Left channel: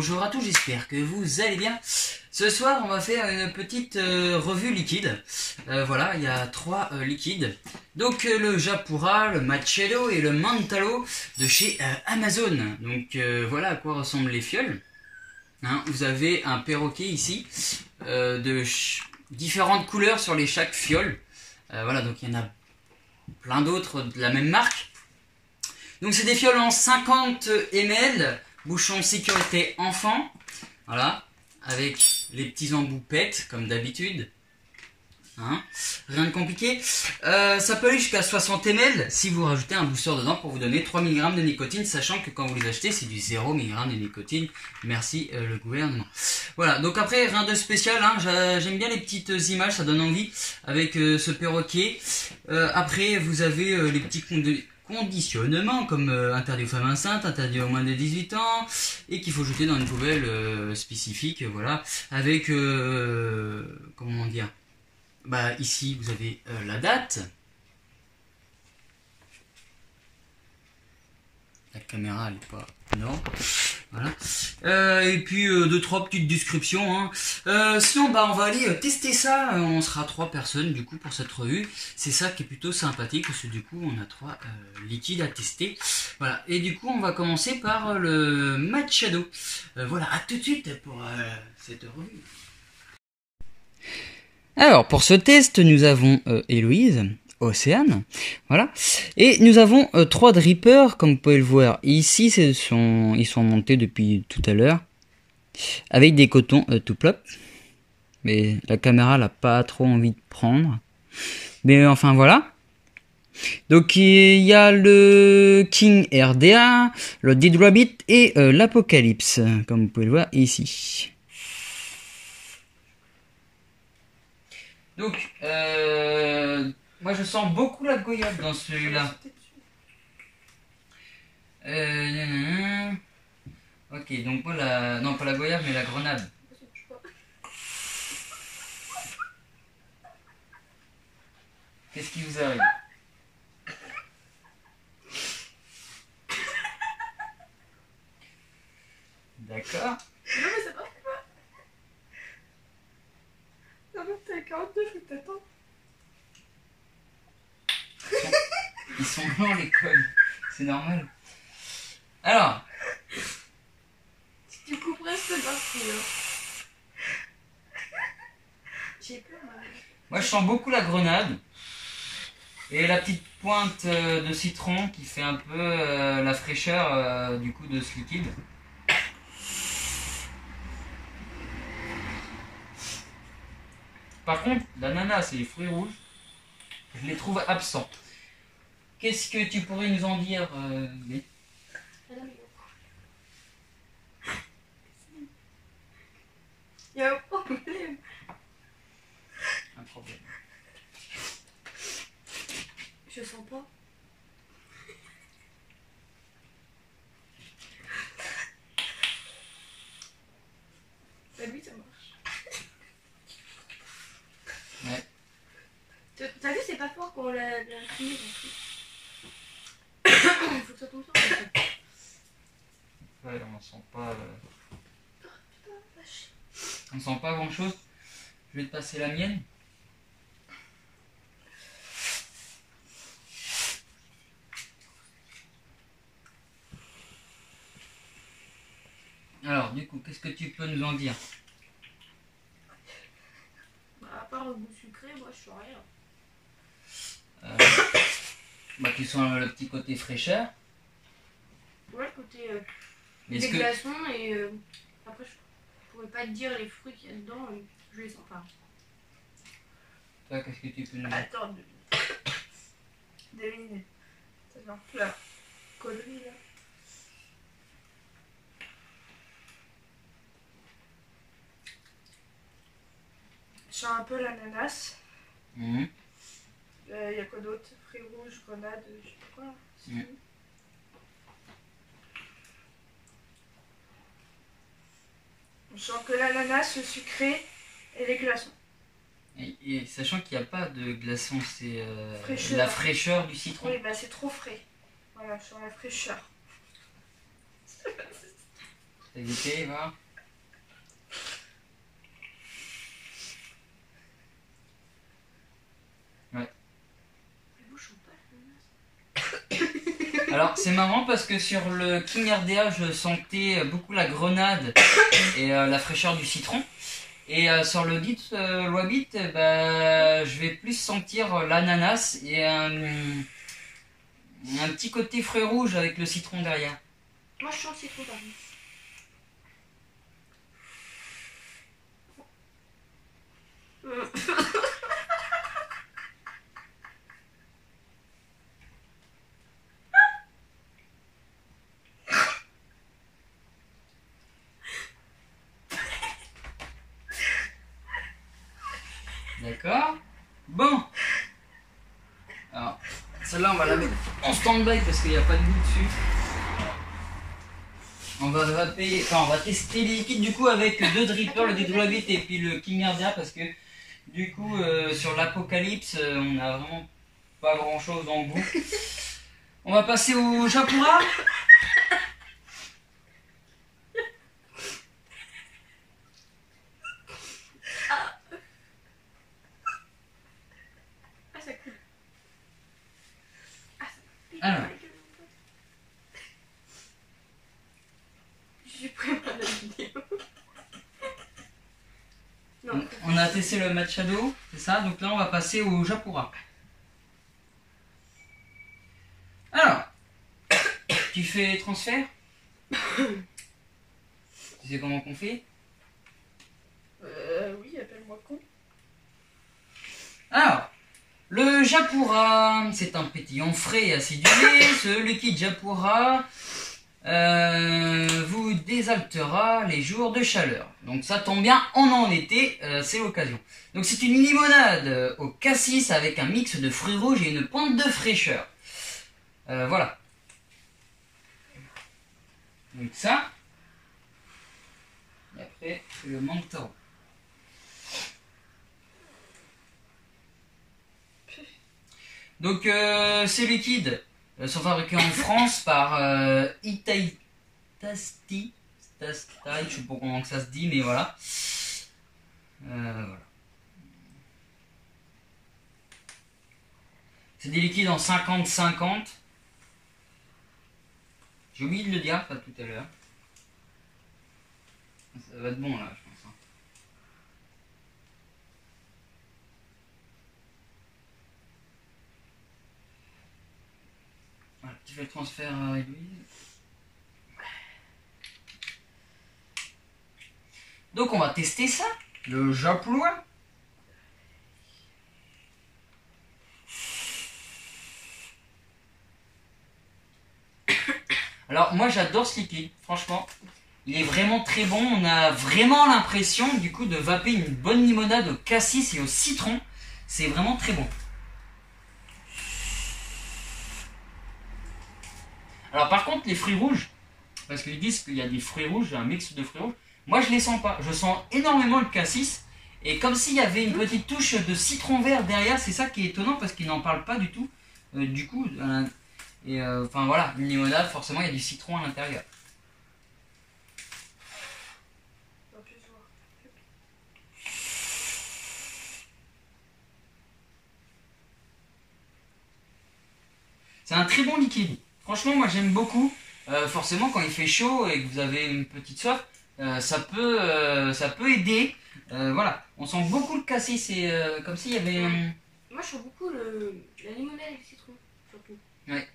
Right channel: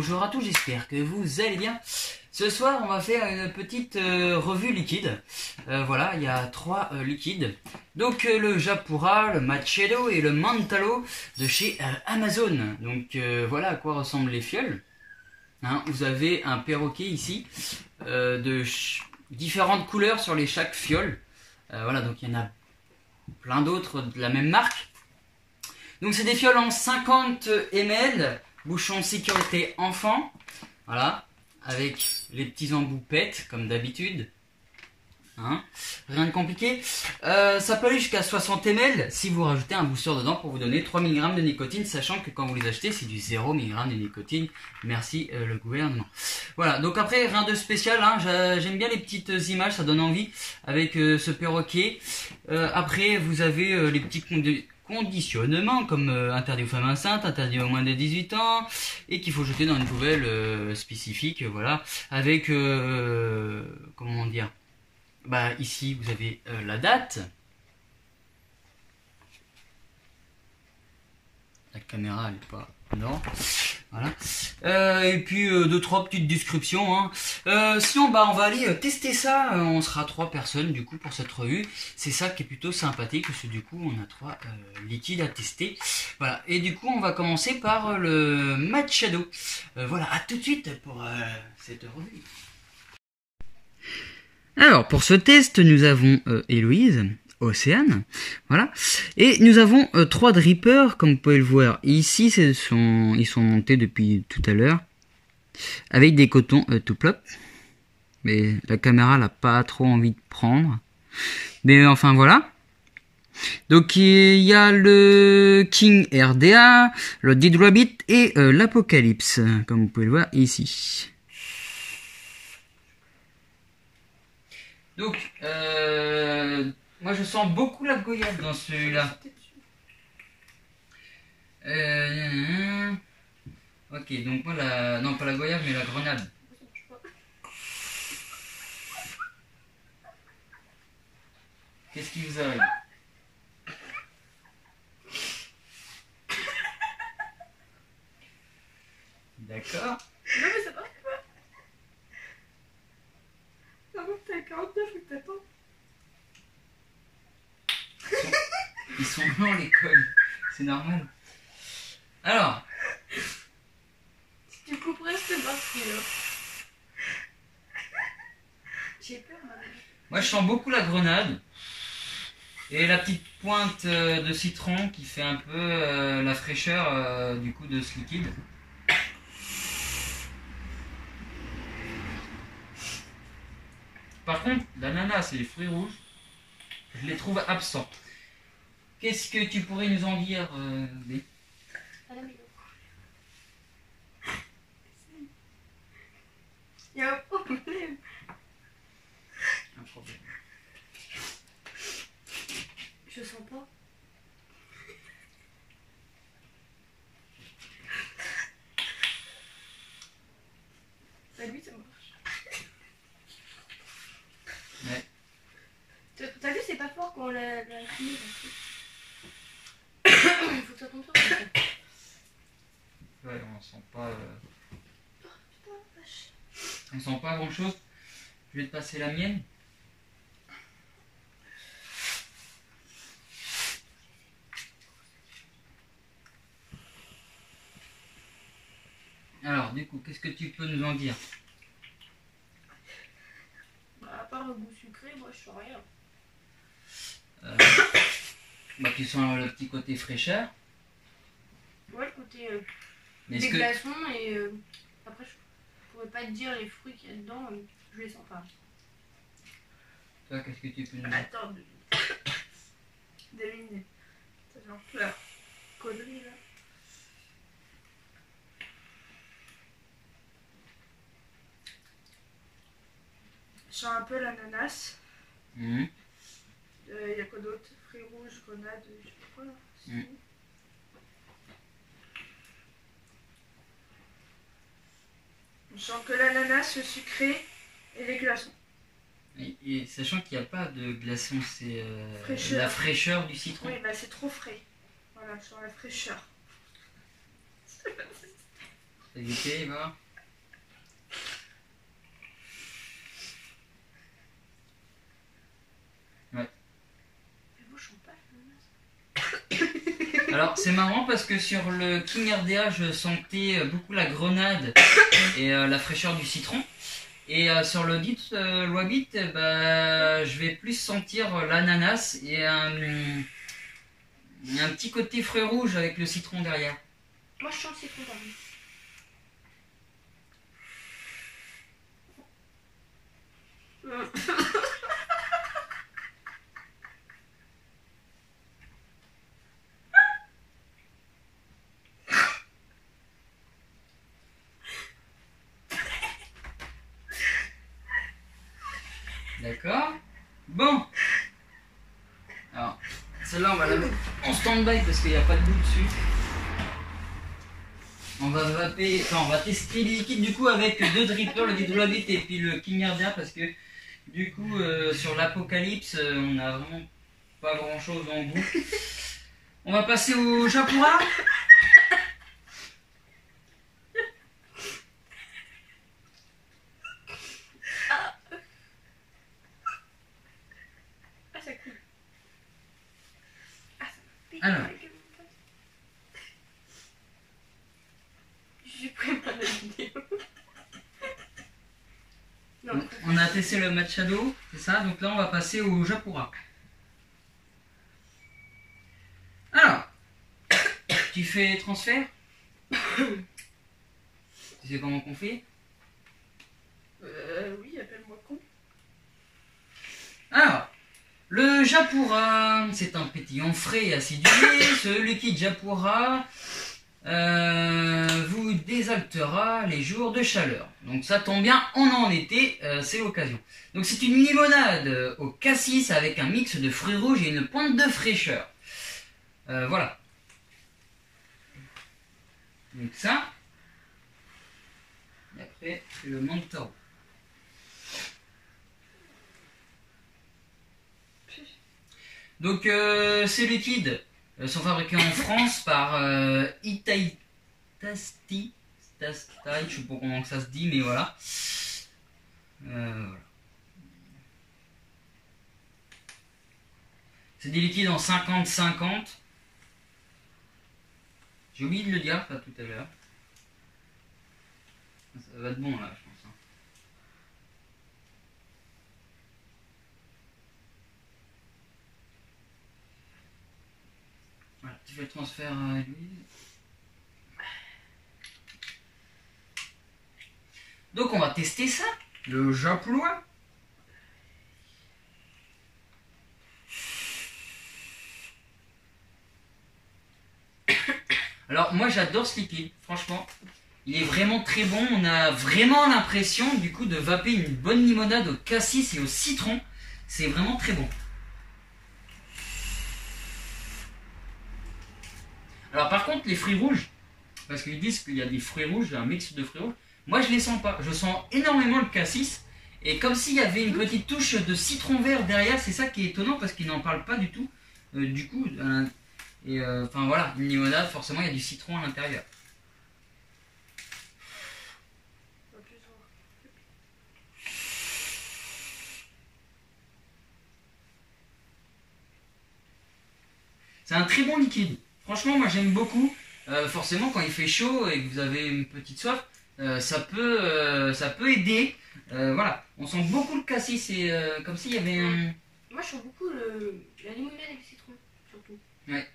bonjour à tous, j'espère que vous allez bien. Ce soir, on va faire une petite revue liquide. Voilà, il y a 3 liquides. Donc le Japura, le Machado et le Mantalo de chez Amazon. Donc voilà à quoi ressemblent les fioles. Hein, vous avez un perroquet ici de différentes couleurs sur chaque fiole. Voilà, donc il y en a plein d'autres de la même marque. Donc c'est des fioles en 50 ml, bouchon sécurité enfant, voilà, avec les petits embouts PET comme d'habitude, hein, rien de compliqué. Ça peut aller jusqu'à 60 ml si vous rajoutez un booster dedans pour vous donner 3 mg de nicotine, sachant que quand vous les achetez c'est du 0 mg de nicotine, merci le gouvernement. Voilà, donc après rien de spécial, hein, j'aime bien les petites images, ça donne envie avec ce perroquet. Après vous avez les petits conditionnement comme interdit aux femmes enceintes, interdit aux moins de 18 ans et qu'il faut jeter dans une poubelle spécifique, voilà, avec comment dire, bah ici vous avez la date, la caméra elle est pas, non, voilà, et puis 2-3 petites descriptions, hein. Sinon bah on va aller tester ça, on sera 3 personnes du coup pour cette revue, c'est ça qui est plutôt sympathique parce que du coup on a 3 liquides à tester, voilà, et du coup on va commencer par le Machado. Voilà, à tout de suite pour cette revue. Alors pour ce test nous avons Héloïse, Océane, voilà, et nous avons 3 drippers comme vous pouvez le voir ici, ils sont montés depuis tout à l'heure avec des cotons tout plop, mais la caméra n'a pas trop envie de prendre, mais enfin voilà. Donc il y a le King RDA, le Dead Rabbit et l'Apocalypse comme vous pouvez le voir ici. Donc moi je sens beaucoup la goyave dans celui-là. Ok, donc moi la... non pas la goyave mais la grenade. Qu'est-ce qui vous arrive? D'accord. Non mais ça marche pas. Non mais t'es à 49 ou t'attends. Ils sont blancs les cols, c'est normal. Alors. Si tu couperais c'est parti. J'ai peur maintenant. Moi je sens beaucoup la grenade. Et la petite pointe de citron qui fait un peu la fraîcheur du coup de ce liquide. Par contre, l'ananas et les fruits rouges, je les trouve absents. Qu'est-ce que tu pourrais nous en dire, B? Il y a un problème. Un problème. Je sens pas. Bah lui ça marche. Ouais. T'as vu c'est pas fort quand on l'a fini. Il faut que ça tombe sur toi. Ouais, on sent pas... Oh, putain, vache. On sent pas grand chose. Je vais te passer la mienne. Alors, du coup, qu'est-ce que tu peux nous en dire? Bah, à part le goût sucré, moi je sens rien. Bah, tu sens le petit côté fraîcheur. Ouais, le côté Mais des est-ce que... glaçons et après je pourrais pas te dire les fruits qu'il y a dedans, je les sens pas. Toi, qu'est-ce que tu peux nous dire? Attends 2 minutes. 2 minutes. Ça fait un peu la connerie là. Je sens un peu l'ananas. Mmh. Y a quoi d'autre? Fruits rouges, grenade, je sais pas quoi. Mmh. On sent que l'ananas, le sucré et les glaçons. Et sachant qu'il n'y a pas de glaçons, c'est Fraîcheur. la fraîcheur du citron. Oui, bah c'est trop frais. Voilà, je sens la fraîcheur. T'as goûté, va. Alors c'est marrant parce que sur le King RDA je sentais beaucoup la grenade et la fraîcheur du citron. Et sur le dit Wabit, bah, je vais plus sentir l'ananas et un petit côté fruit rouge avec le citron derrière. Moi je sens le citron par contre. D'accord. Bon. Alors, celle-là on va la mettre en stand-by parce qu'il n'y a pas de goût dessus. On va vaper, enfin on va tester les liquides du coup avec deux drippers, le Didwabit et puis le King RDA parce que du coup sur l'Apocalypse on a vraiment pas grand chose en goût. On va passer au Japura. Ça coule. Ah, ça pique. Alors. J'ai pris mal la vidéo. Non. On a testé le Machado, c'est ça, donc là on va passer au Japura. Alors, tu fais transfert. Tu sais comment qu'on fait? Oui, appelle-moi con. Alors, le Japura, c'est un pétillant frais et acidulé. Ce liquide Japura vous désaltera les jours de chaleur. Donc ça tombe bien, on est en été, c'est l'occasion. Donc c'est une limonade au cassis avec un mix de fruits rouges et une pointe de fraîcheur. Voilà. Donc ça. Et après, c'est le Mantaro. Donc ces liquides sont fabriqués en France par Itaitasti. Je sais pas comment ça se dit, mais voilà. Voilà. C'est des liquides en 50-50. J'ai oublié de le dire ça tout à l'heure. Ça va être bon là, je pense. Voilà, tu fais le transfert à l'huile. Donc on va tester ça, le Japlois. Alors moi j'adore ce liquide, franchement. Il est vraiment très bon, on a vraiment l'impression du coup de vaper une bonne limonade au cassis et au citron. C'est vraiment très bon. Alors par contre les fruits rouges, parce qu'ils disent qu'il y a des fruits rouges, un mix de fruits rouges, moi je les sens pas. Je sens énormément le cassis et comme s'il y avait une petite touche de citron vert derrière, c'est ça qui est étonnant parce qu'ils n'en parlent pas du tout. Du coup, enfin voilà, une limonade forcément il y a du citron à l'intérieur. C'est un très bon liquide. Franchement, moi j'aime beaucoup. Forcément, quand il fait chaud et que vous avez une petite soif, ça peut aider. Voilà, on sent beaucoup le cassis. C'est comme s'il y avait un... Moi, je sens beaucoup la limonade et le citron, surtout. Ouais.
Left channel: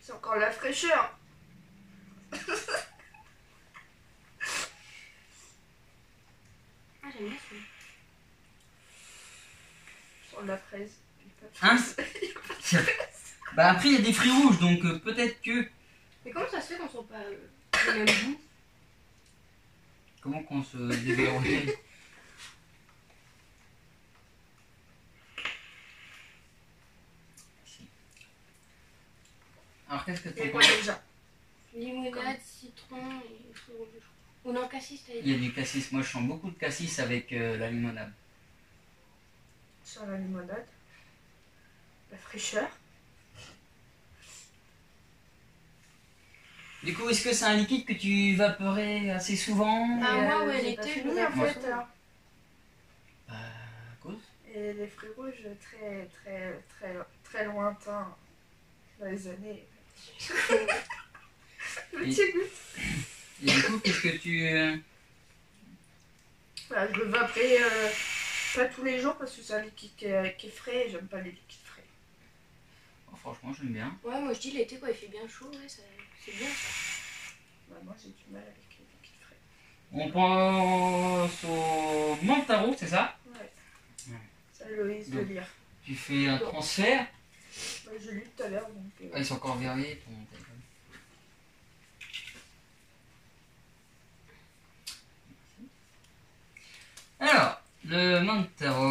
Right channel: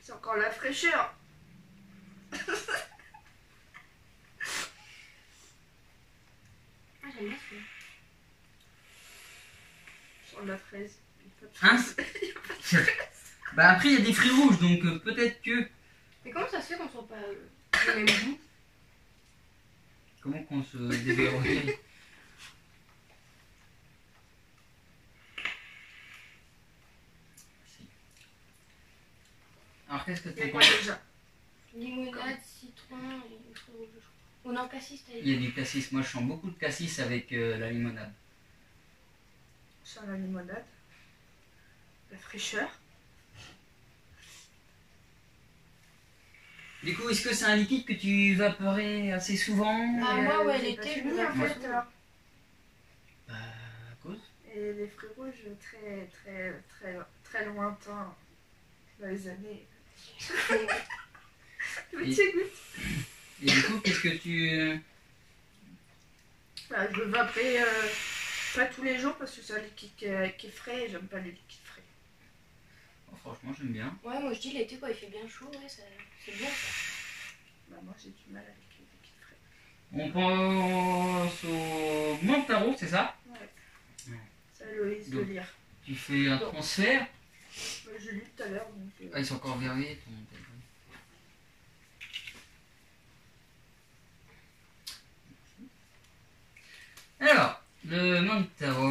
C'est encore la fraîcheur. Ah, j'aime bien celui-là. Je sens de la fraise. Il y a pas de Hein? fraise. Il y a pas de fraise. Bah après il y a des fruits rouges, donc peut-être que... Mais comment ça se fait qu'on sent pas le même goût? Comment qu'on se déverrouille? Alors qu'est-ce que Il y a tu quoi déjà? Limonade, citron et fruits rouges, je crois. Ou non, cassis, t'as Il dit. y a du cassis. Moi, je sens beaucoup de cassis avec la limonade. Sur la limonade. La fraîcheur. Du coup, est-ce que c'est un liquide que tu vaporais assez souvent? Ah, Et, moi, ouais, j'ai l'été, pas je fini, me en fais fait. souvent. Là. Bah, à cause. Et les fruits rouges, très lointains dans les années. Le Et- petit goût. Et du coup, qu'est-ce que tu... Bah, je le vaperai pas tous les jours parce que c'est un liquide qui est frais et j'aime pas les liquides frais. Oh, franchement, j'aime bien. Ouais, moi je dis l'été quand il fait bien chaud, ouais, c'est bien ça. Bah, moi j'ai du mal avec les liquides frais. On pense au Montaro, c'est ça? Ouais. Ouais. Ça, Loïs de Donc. lire. Tu fais un transfert. Bah, je l'ai lu tout à l'heure donc. Ah, ils sont encore verrouillés, ton téléphone. Alors, le Montaro.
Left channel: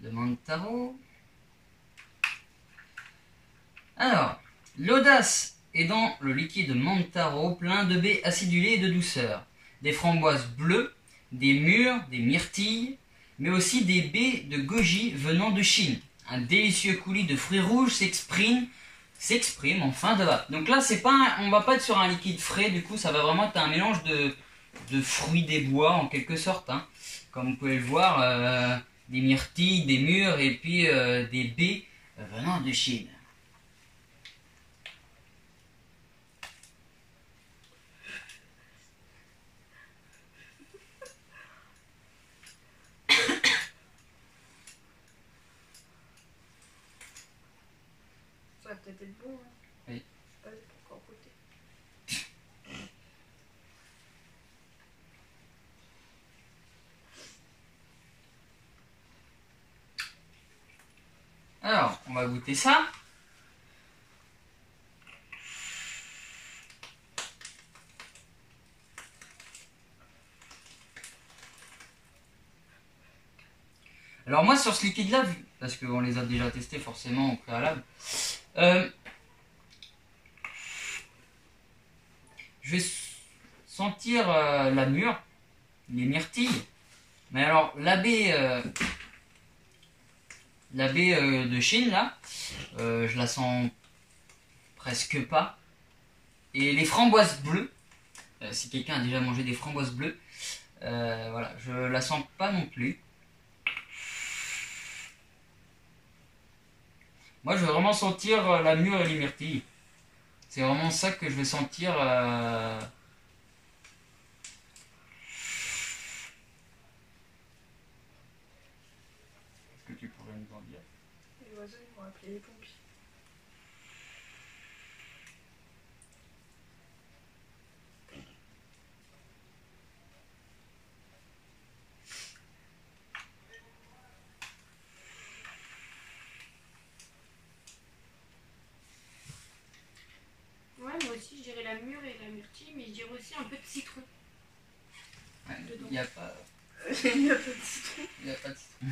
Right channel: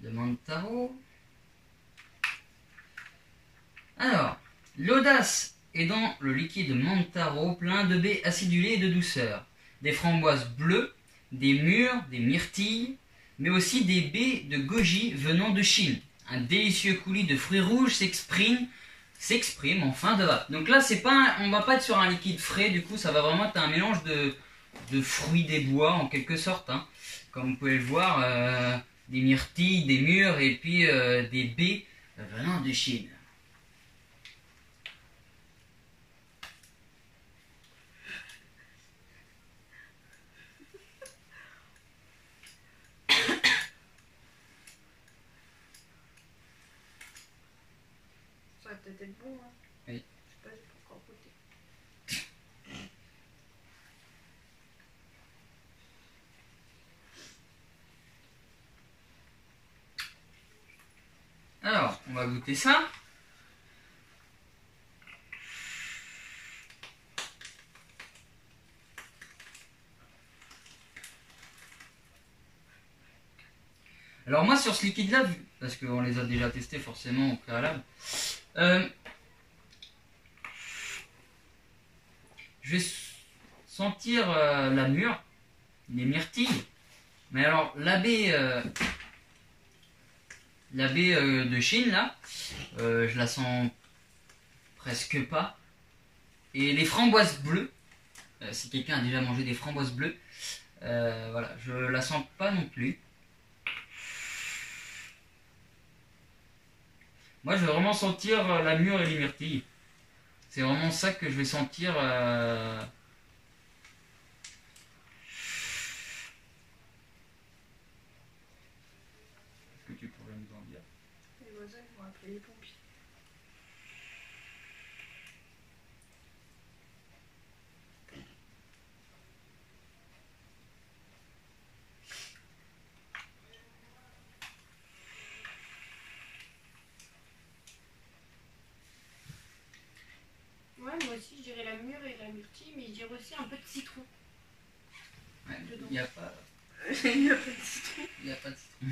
Le Montaro. Alors, l'audace est dans le liquide Montaro plein de baies acidulées et de douceur. Des framboises bleues, des mûres, des myrtilles, mais aussi des baies de goji venant de Chine. Un délicieux coulis de fruits rouges s'exprime en fin de vape. Donc là, on va pas être sur un liquide frais, du coup, ça va vraiment être un mélange de fruits des bois en quelque sorte. Hein. Comme vous pouvez le voir, des myrtilles, des mûres et puis des baies venant de Chine. Ça va peut-être être bon. Hein. Oui. Je sais pas, j'ai pas encore goûté. Alors, on va goûter ça. Alors moi sur ce liquide là, parce qu'on les a déjà testés forcément au préalable, je vais sentir la mûre, les myrtilles, mais alors la baie de Chine là, je la sens presque pas. Et les framboises bleues, si quelqu'un a déjà mangé des framboises bleues, voilà, je la sens pas non plus. Moi, je vais vraiment sentir la mûre et les myrtilles. C'est vraiment ça que je vais sentir. Est-ce que tu pourrais nous en dire? Les voisins ils vont appeler les pompiers. Ouais, moi aussi je dirais la mûre et la myrtille, mais je dirais aussi un peu de citron. Ouais, Dedans. il n'y a pas, Il y a pas de citron. il y a pas de citron.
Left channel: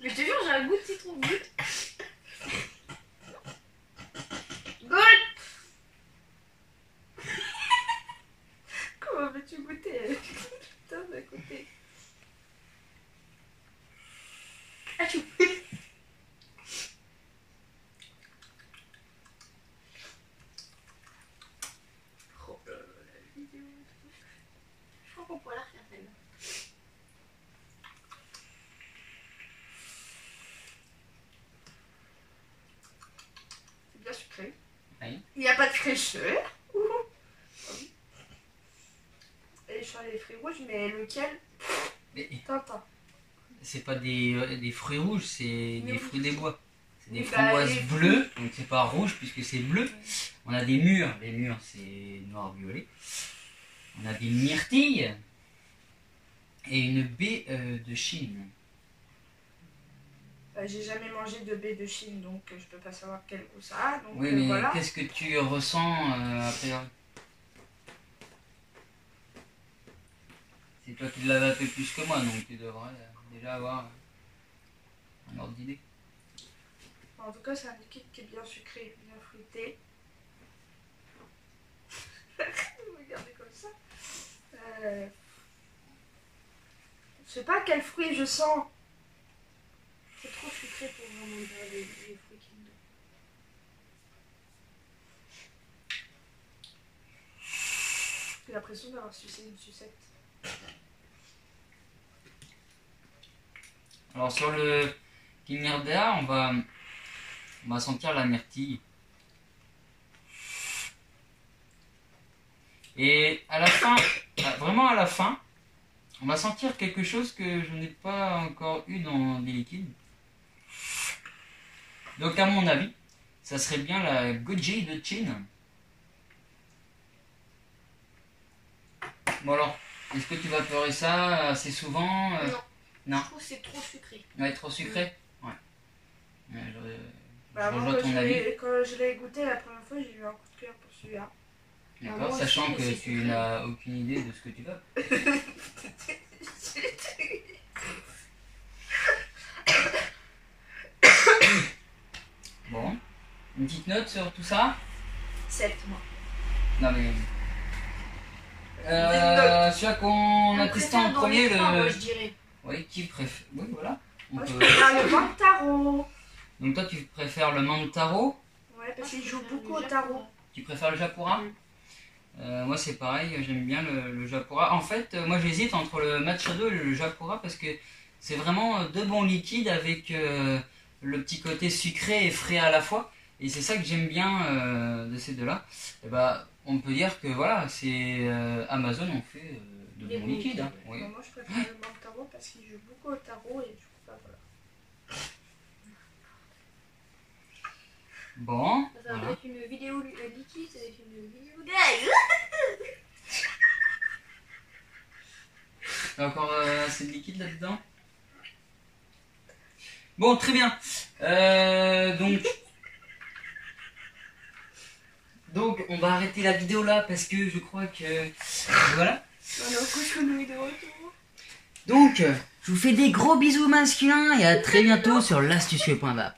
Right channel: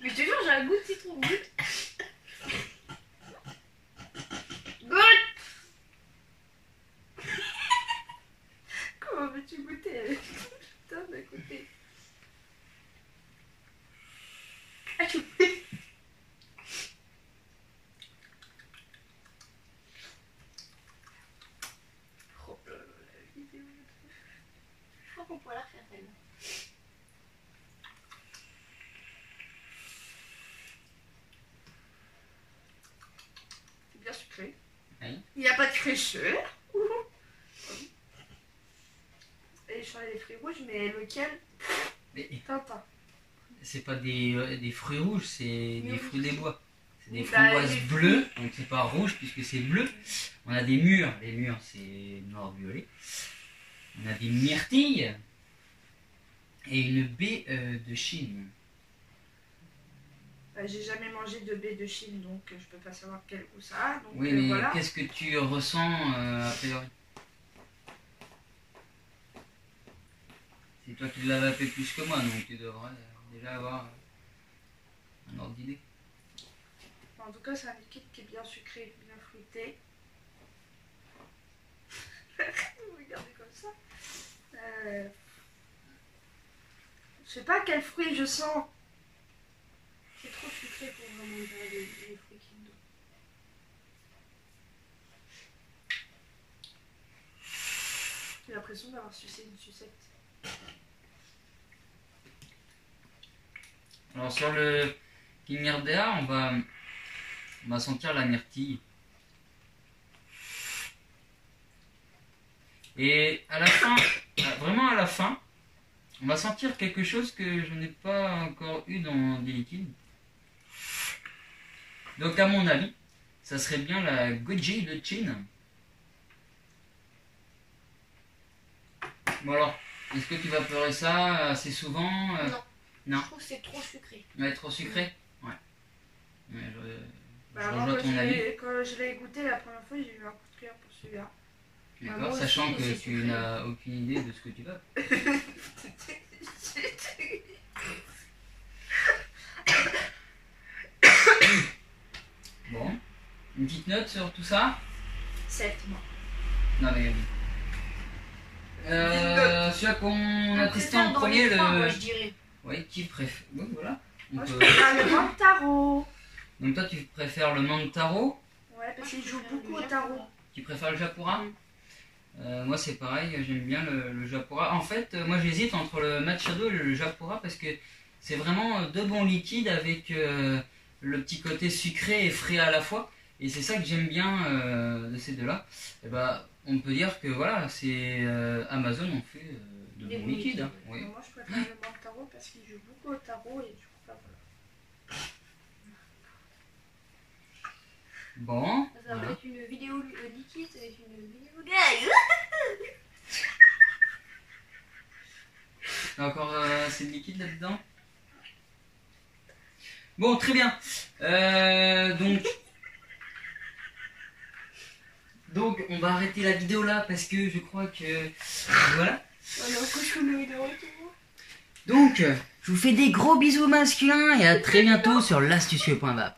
Mais je te jure, j'ai un goût de citron. Goûte. Comment veux-tu goûter? Putain, d'un côté. Achou. Oh là là, la vidéo. Je crois qu'on pourrait la refaire celle-là. C'est bien sucré. Oui. Il n'y a pas de fraîcheur. Ouhou. Et je sens les fruits rouges, mais lequel? Mais Tintin. c'est pas des fruits rouges, c'est Mais des oui. fruits des bois. C'est des Oui, bah, framboises les fruits. bleues, donc c'est pas rouge puisque c'est bleu. On a des mûres, les mûres c'est noir-violet. On a des myrtilles et une baie de Chine. J'ai jamais mangé de baie de Chine, donc je peux pas savoir quel goût ça a. Donc Oui, mais voilà. qu'est-ce que tu ressens a priori? C'est toi qui l'as fait plus que moi, donc tu devrais déjà avoir un ordre d'idée. En tout cas, c'est un liquide qui est bien sucré, bien fruité. Vous regardez comme ça. Je sais pas quel fruit je sens. C'est trop sucré pour vraiment les fruits qu'il y a dedans. J'ai l'impression d'avoir sucé une sucette. Alors sur le Kimmerdea, on va sentir la myrtille. Et à la fin, vraiment à la fin, on va sentir quelque chose que je n'ai pas encore eu dans des liquides. Donc à mon avis, ça serait bien la goji de Chine. Bon alors, est-ce que tu vas pleurer ça assez souvent Non. Je trouve que c'est trop sucré. Ouais, trop sucré. Ouais. Bah, je moi, rejoins ton avis. quand je l'ai goûté la première fois, j'ai eu un coup de cœur pour celui-là. D'accord, moi sachant aussi, que c'est tu sucré. n'as aucune idée de ce que tu vas. Bon, une petite note sur tout ça. 7 moi. Non mais. Celui qu'on a testé en préfère dans premier, les trois, le. moi, je dirais. Oui, qui préfère. Oui, voilà. On Moi je peut- préfère le Mantaro. Donc toi, tu préfères le Mantaro. Ouais, parce Moi, qu'il je joue préfère beaucoup le au tarot. Japura. Tu préfères le Japura. Mm. Moi, c'est pareil, j'aime bien le Japura. En fait, moi, j'hésite entre le Machado et le Japura parce que c'est vraiment deux bons liquides avec le petit côté sucré et frais à la fois. Et c'est ça que j'aime bien de ces deux-là. Et bah, on peut dire que voilà, c'est Amazon on fait de Des bons bons liquides. Hein. liquides, Oui. Moi je préfère le Mantaro parce qu'il joue beaucoup au tarot et du coup, bah voilà. Bon, Ça va voilà. être une vidéo liquide, ça va être une vidéo gay. T'as encore assez de liquide là-dedans. Bon, très bien. Donc, on va arrêter la vidéo là parce que je crois que voilà. Voilà, cochonnerie de retour. Donc, je vous fais des gros bisous masculins et à très bientôt sur l'astucieux.vap.